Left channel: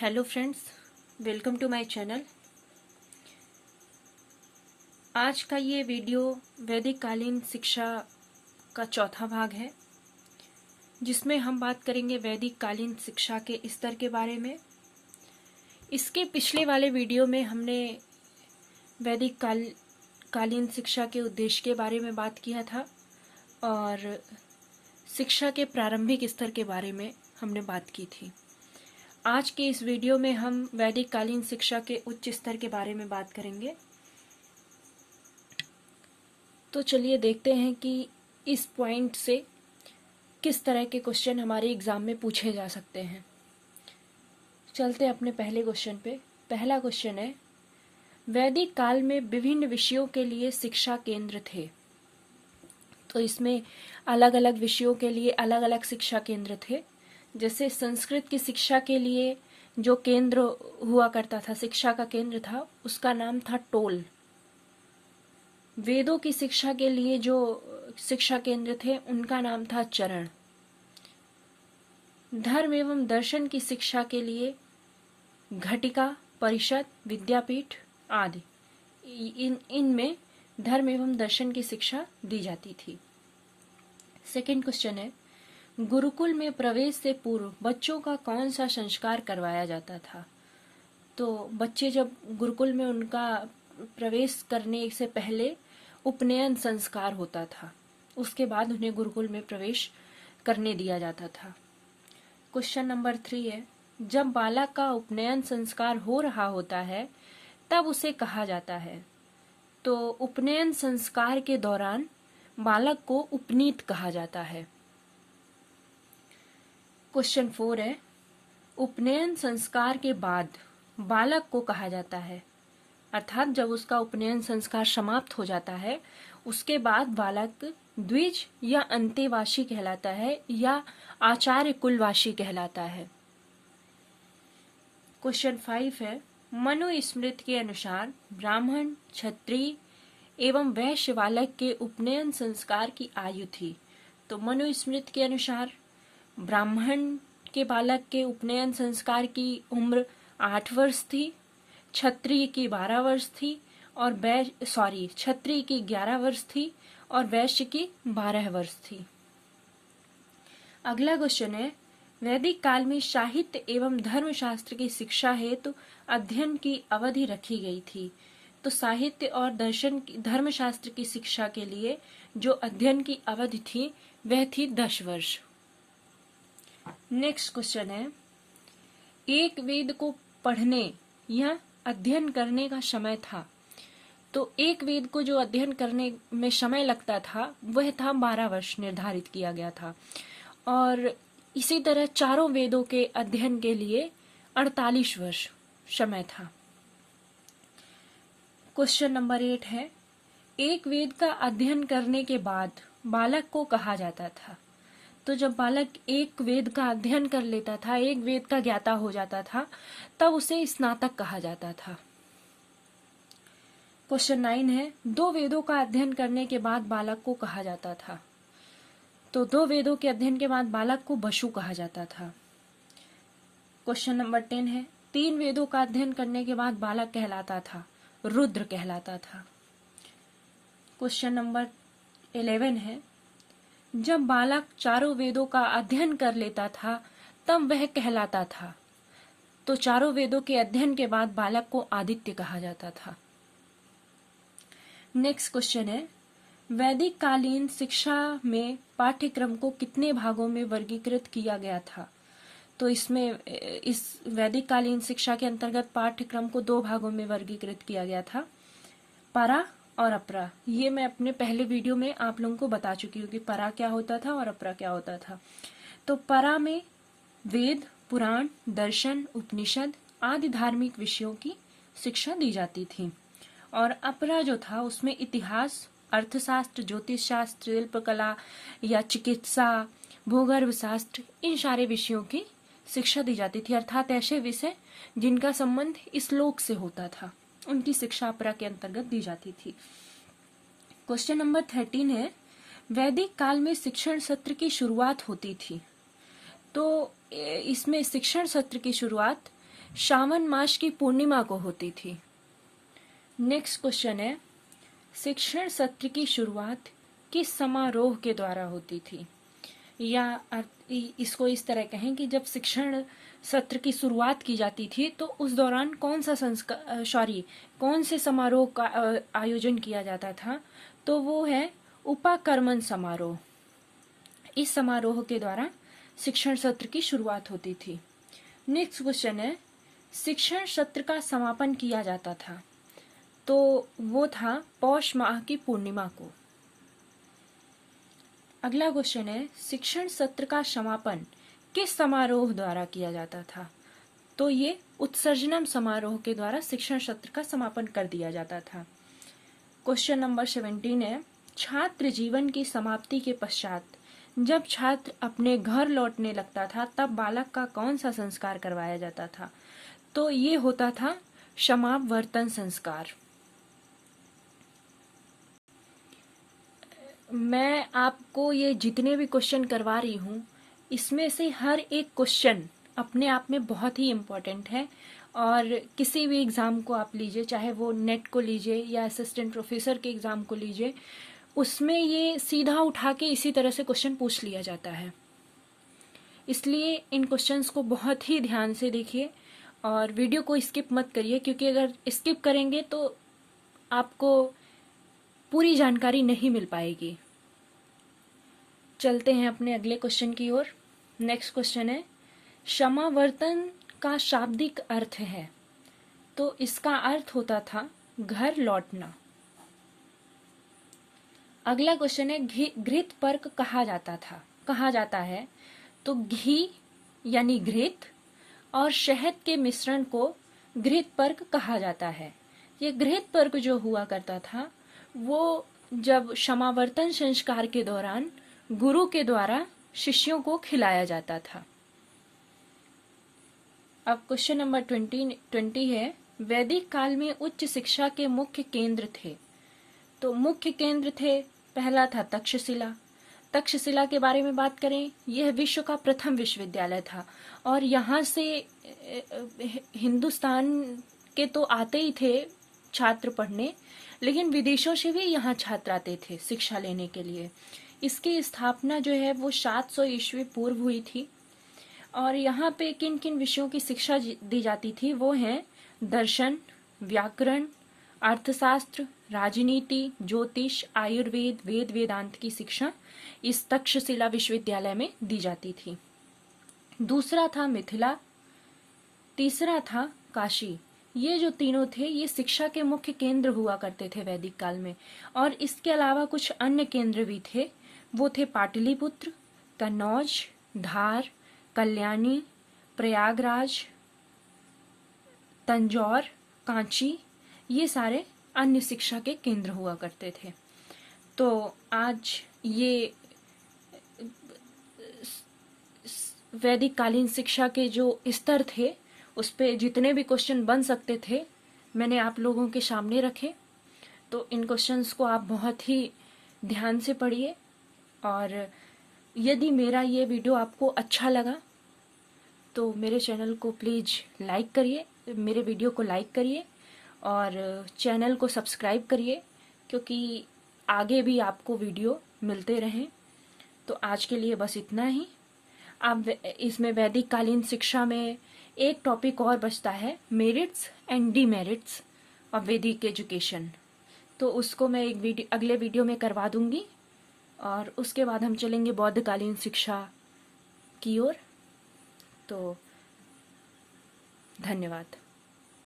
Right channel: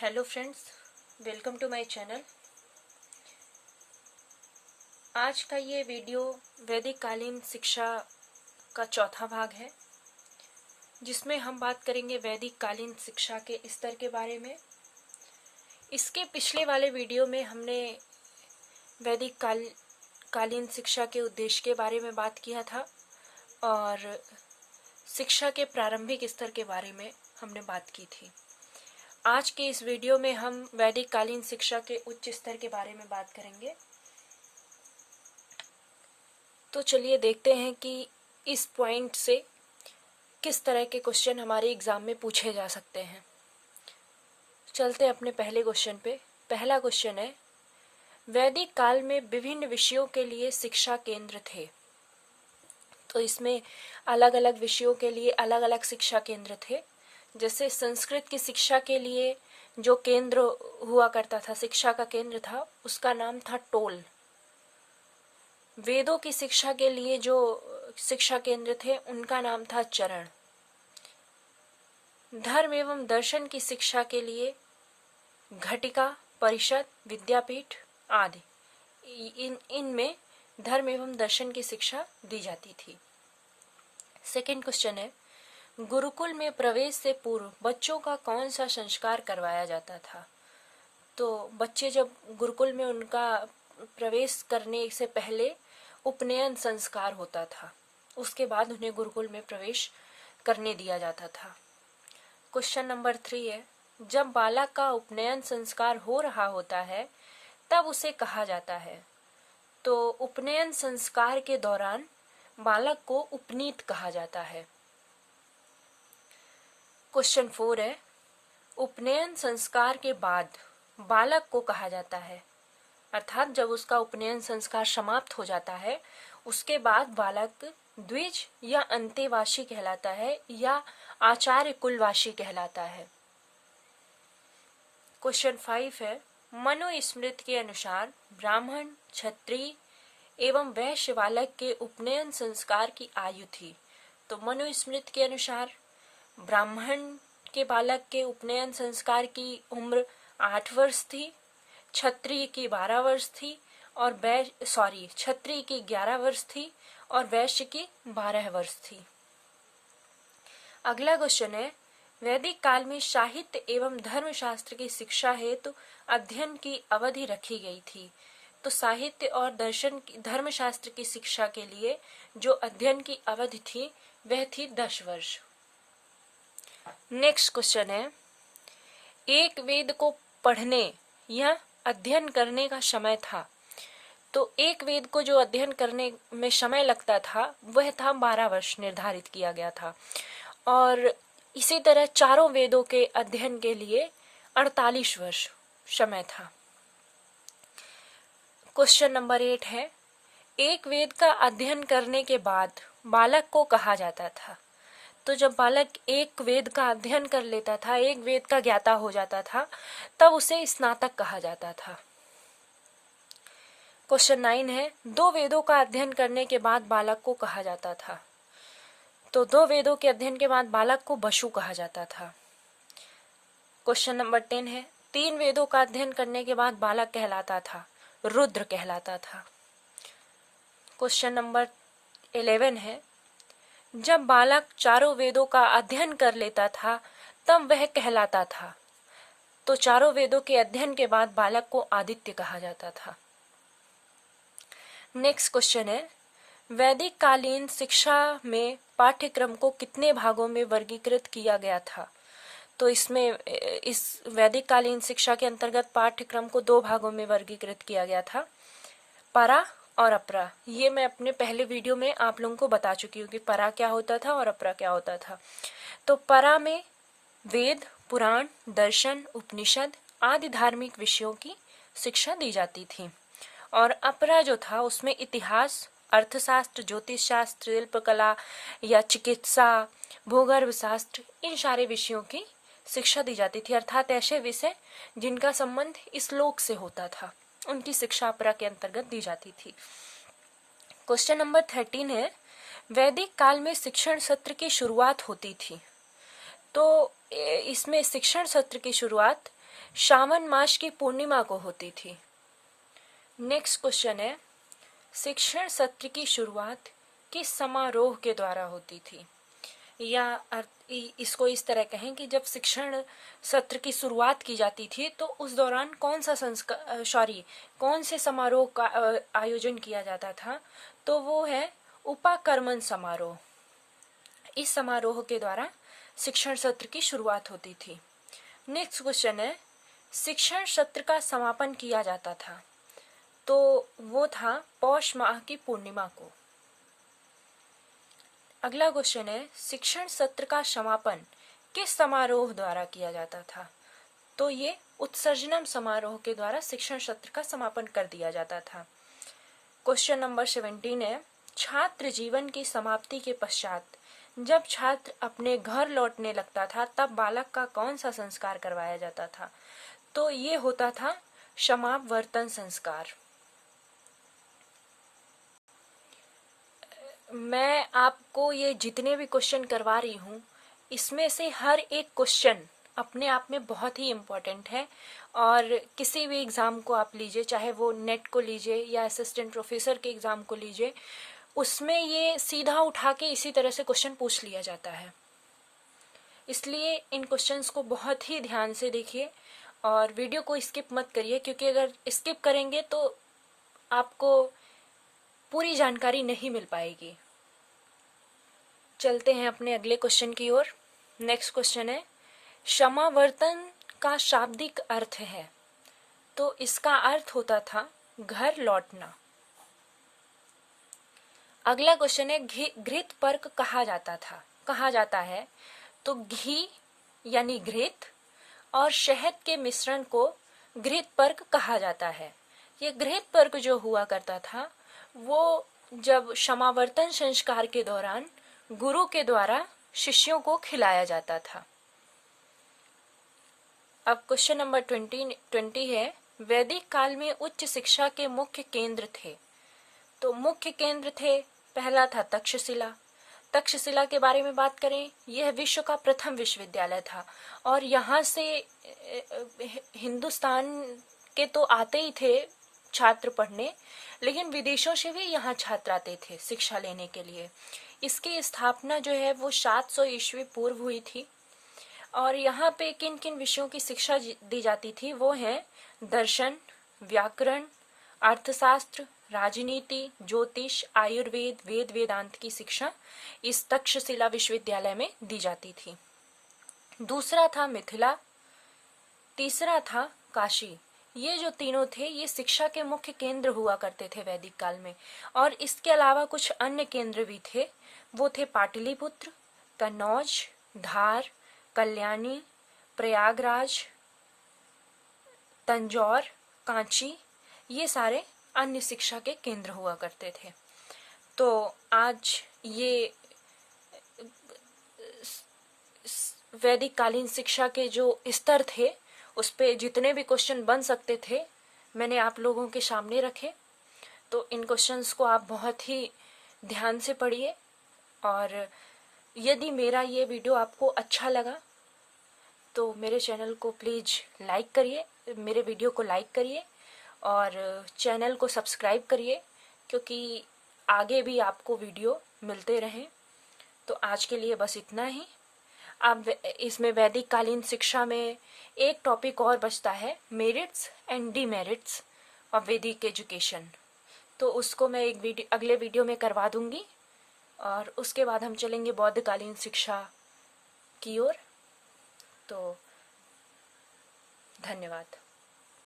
Hello friends, welcome to my channel. आज का ये वीडियो वैदिक कालीन शिक्षा का चौथा भाग है, जिसमें हम बात करेंगे वैदिक कालीन शिक्षा के स्तर के बारे में। इसके पिछले वाले वीडियो में हमने वैदिक कालीन शिक्षा के उद्देश्य के बारे में बात किया था और शिक्षा के प्रारंभिक स्तर के बारे में हमने बात की थी। आज के इस वीडियो में हम वैदिक कालीन शिक्षा के उच्च स्तर के बारे में बात करेंगे। तो चलिए देखते हैं कि इस पॉइंट से किस तरह के क्वेश्चन हमारे एग्जाम में पूछे जा सकते हैं। चलते हैं अपने पहले क्वेश्चन पे। पहला क्वेश्चन है, वैदिक काल में विभिन्न विषयों के लिए शिक्षा केंद्र थे। तो इसमें अलग अलग विषयों के लिए अलग अलग शिक्षा केंद्र थे। जैसे संस्कृत की शिक्षा के लिए जो केंद्र हुआ करता था, शिक्षा का केंद्र था, उसका नाम था टोल। वेदों की शिक्षा के लिए जो शिक्षा केंद्र थे उनका नाम था चरण। धर्म एवं दर्शन की शिक्षा के लिए घटिका, परिषद, विद्यापीठ आदि इनमें धर्म एवं दर्शन की शिक्षा दी जाती थी। सेकंड क्वेश्चन है, गुरुकुल में प्रवेश से पूर्व बच्चों का कौन सा संस्कार करवाया जाता था। तो बच्चे जब गुरुकुल में उनका प्रवेश करने से पहले उपनयन संस्कार होता था, उसके बाद उन्हें गुरुकुल में प्रवेश करने दिया जाता था। क्वेश्चन नंबर 3 है, जब बालक का उपनयन संस्कार हो रहा होता है तब उसे कहा जाता है। तो उपनयन संस्कार के दौरान बालक को उपनीत कहा जाता है। क्वेश्चन 4 है, उपनयन संस्कार के बाद बालक को कहा जाता है, अर्थात जब उसका उपनयन संस्कार समाप्त हो जाता है उसके बाद बालक द्विज या अंतेवासी कहलाता है या आचार्य कुलवासी कहलाता है। क्वेश्चन 5 है, मनुस्मृति के अनुसार ब्राह्मण, क्षत्रिय एवं वैश्य बालक के उपनयन संस्कार की आयु थी। तो मनुस्मृति के अनुसार ब्राह्मण के बालक के उपनयन संस्कार की उम्र 8 वर्ष थी, क्षत्रिय की 12 वर्ष थी और क्षत्रिय की 11 वर्ष थी और वैश्य की 12 वर्ष थी। अगला क्वेश्चन है, वैदिक काल में साहित्य एवं धर्मशास्त्र की शिक्षा हेतु अध्ययन की अवधि रखी गई थी। तो साहित्य और धर्मशास्त्र की शिक्षा के लिए जो अध्ययन की अवधि थी वह थी 10 वर्ष। नेक्स्ट क्वेश्चन है, एक वेद को पढ़ने या अध्ययन करने का समय था। तो एक वेद को जो अध्ययन करने में समय लगता था वह था 12 वर्ष निर्धारित किया गया था और इसी तरह चारों वेदों के अध्ययन के लिए 48 वर्ष समय था। क्वेश्चन नंबर 8 है, एक वेद का अध्ययन करने के बाद बालक को कहा जाता था। तो जब बालक एक वेद का अध्ययन कर लेता था, एक वेद का ज्ञाता हो जाता था, तब उसे स्नातक कहा जाता था। क्वेश्चन 9 है, 2 वेदों का अध्ययन करने के बाद बालक को कहा जाता था। तो 2 वेदों के अध्ययन के बाद बालक को बशु कहा जाता था। क्वेश्चन नंबर 10 है, 3 वेदों का अध्ययन करने के बाद बालक कहलाता था, रुद्र कहलाता था। क्वेश्चन नंबर 11 है, जब बालक चारों वेदों का अध्ययन कर लेता था तब वह कहलाता था। तो चारों वेदों के अध्ययन के बाद बालक को आदित्य कहा जाता था। नेक्स्ट क्वेश्चन है, वैदिक कालीन शिक्षा में पाठ्यक्रम को कितने भागों में वर्गीकृत किया गया था। तो इस वैदिक कालीन शिक्षा के अंतर्गत पाठ्यक्रम को 2 भागों में वर्गीकृत किया गया था, परा और अपरा। ये मैं अपने पहले वीडियो में आप लोगों को बता चुकी हूँ कि परा क्या होता था और अपरा क्या होता था। तो परा में वेद, पुराण, दर्शन, उपनिषद आदि धार्मिक विषयों की शिक्षा दी जाती थी और अपरा जो था उसमें इतिहास, अर्थशास्त्र, ज्योतिष शास्त्र, शिल्पकला या चिकित्सा, भूगर्भ शास्त्र, इन सारे विषयों की शिक्षा दी जाती थी, अर्थात ऐसे विषय जिनका संबंध इस लोक से होता था उनकी शिक्षा अपरा के अंतर्गत दी जाती थी। क्वेश्चन नंबर 13 है, वैदिक काल में शिक्षण सत्र की शुरुआत होती थी। तो इसमें शिक्षण सत्र की शुरुआत श्रावण मास की पूर्णिमा को होती थी। नेक्स्ट क्वेश्चन है, शिक्षण सत्र की शुरुआत किस समारोह के द्वारा होती थी? या इसको इस तरह कहें कि जब शिक्षण सत्र की शुरुआत की जाती थी तो उस दौरान कौन से समारोह का आयोजन किया जाता था? तो वो है उपाकर्मण समारोह। इस समारोह के द्वारा शिक्षण सत्र की शुरुआत होती थी। नेक्स्ट क्वेश्चन है, शिक्षण सत्र का समापन किया जाता था तो वो था पौष माह की पूर्णिमा को। अगला क्वेश्चन है, शिक्षण सत्र का समापन किस समारोह द्वारा किया जाता था? तो ये उत्सर्जनम समारोह के द्वारा शिक्षण सत्र का समापन कर दिया जाता था। क्वेश्चन नंबर 17 है, छात्र जीवन की समाप्ति के पश्चात जब छात्र अपने घर लौटने लगता था तब बालक का कौन सा संस्कार करवाया जाता था? तो ये होता था समावर्तन संस्कार। मैं आपको ये जितने भी क्वेश्चन करवा रही हूँ इसमें से हर एक क्वेश्चन अपने आप में बहुत ही इम्पोर्टेंट है और किसी भी एग्ज़ाम को आप लीजिए, चाहे वो नेट को लीजिए या असिस्टेंट प्रोफेसर के एग्ज़ाम को लीजिए, उसमें ये सीधा उठा के इसी तरह से क्वेश्चन पूछ लिया जाता है। इसलिए इन क्वेश्चंस को बहुत ही ध्यान से देखिए और वीडियो को स्किप मत करिए, क्योंकि अगर स्किप करेंगे तो आपको पूरी जानकारी नहीं मिल पाएगी। चलते हैं अपने अगले क्वेश्चन की ओर। नेक्स्ट क्वेश्चन है, समावर्तन का शाब्दिक अर्थ है? तो इसका अर्थ होता था घर लौटना। अगला क्वेश्चन है, घृत पर्क कहा जाता है? तो घी यानी घृत और शहद के मिश्रण को घृत पर्क कहा जाता है। ये घृत पर्क जो हुआ करता था वो जब समावर्तन संस्कार के दौरान गुरु के द्वारा शिष्यों को खिलाया जाता था। अब क्वेश्चन नंबर 20 है, वैदिक काल में उच्च शिक्षा के मुख्य केंद्र थे? तो मुख्य केंद्र थे, पहला था तक्षशिला। तक्षशिला के बारे में बात करें, यह विश्व का प्रथम विश्वविद्यालय था और यहाँ से हिंदुस्तान के तो आते ही थे छात्र पढ़ने, लेकिन विदेशों से भी यहाँ छात्र आते थे शिक्षा लेने के लिए। इसकी स्थापना जो है वो 700 ईस्वी पूर्व हुई थी और यहाँ पे किन किन विषयों की शिक्षा दी जाती थी? वो हैं दर्शन, व्याकरण, अर्थशास्त्र, राजनीति, ज्योतिष, आयुर्वेद, वेद वेदांत की शिक्षा इस तक्षशिला विश्वविद्यालय में दी जाती थी। दूसरा था मिथिला, तीसरा था काशी। ये जो तीनों थे ये शिक्षा के मुख्य केंद्र हुआ करते थे वैदिक काल में, और इसके अलावा कुछ अन्य केंद्र भी थे। वो थे पाटलिपुत्र, कन्नौज, धार, कल्याणी, प्रयागराज, तंजौर, कांची, ये सारे अन्य शिक्षा के केंद्र हुआ करते थे। तो आज ये वैदिक कालीन शिक्षा के जो स्तर थे उस पे जितने भी क्वेश्चन बन सकते थे मैंने आप लोगों के सामने रखे। तो इन क्वेश्चंस को आप बहुत ही ध्यान से पढ़िए और यदि मेरा ये वीडियो आपको अच्छा लगा तो मेरे चैनल को प्लीज़ लाइक करिए, मेरे वीडियो को लाइक करिए और चैनल को सब्सक्राइब करिए, क्योंकि आगे भी आपको वीडियो मिलते रहें। तो आज के लिए बस इतना ही। अब इसमें वैदिक कालीन शिक्षा में एक टॉपिक और बचता है, मेरिट्स एंड डीमेरिट्स ऑफ वैदिक एजुकेशन। तो उसको मैं एक अगले वीडियो में करवा दूंगी और उसके बाद हम चलेंगे बौद्धकालीन शिक्षा की ओर। तो धन्यवाद।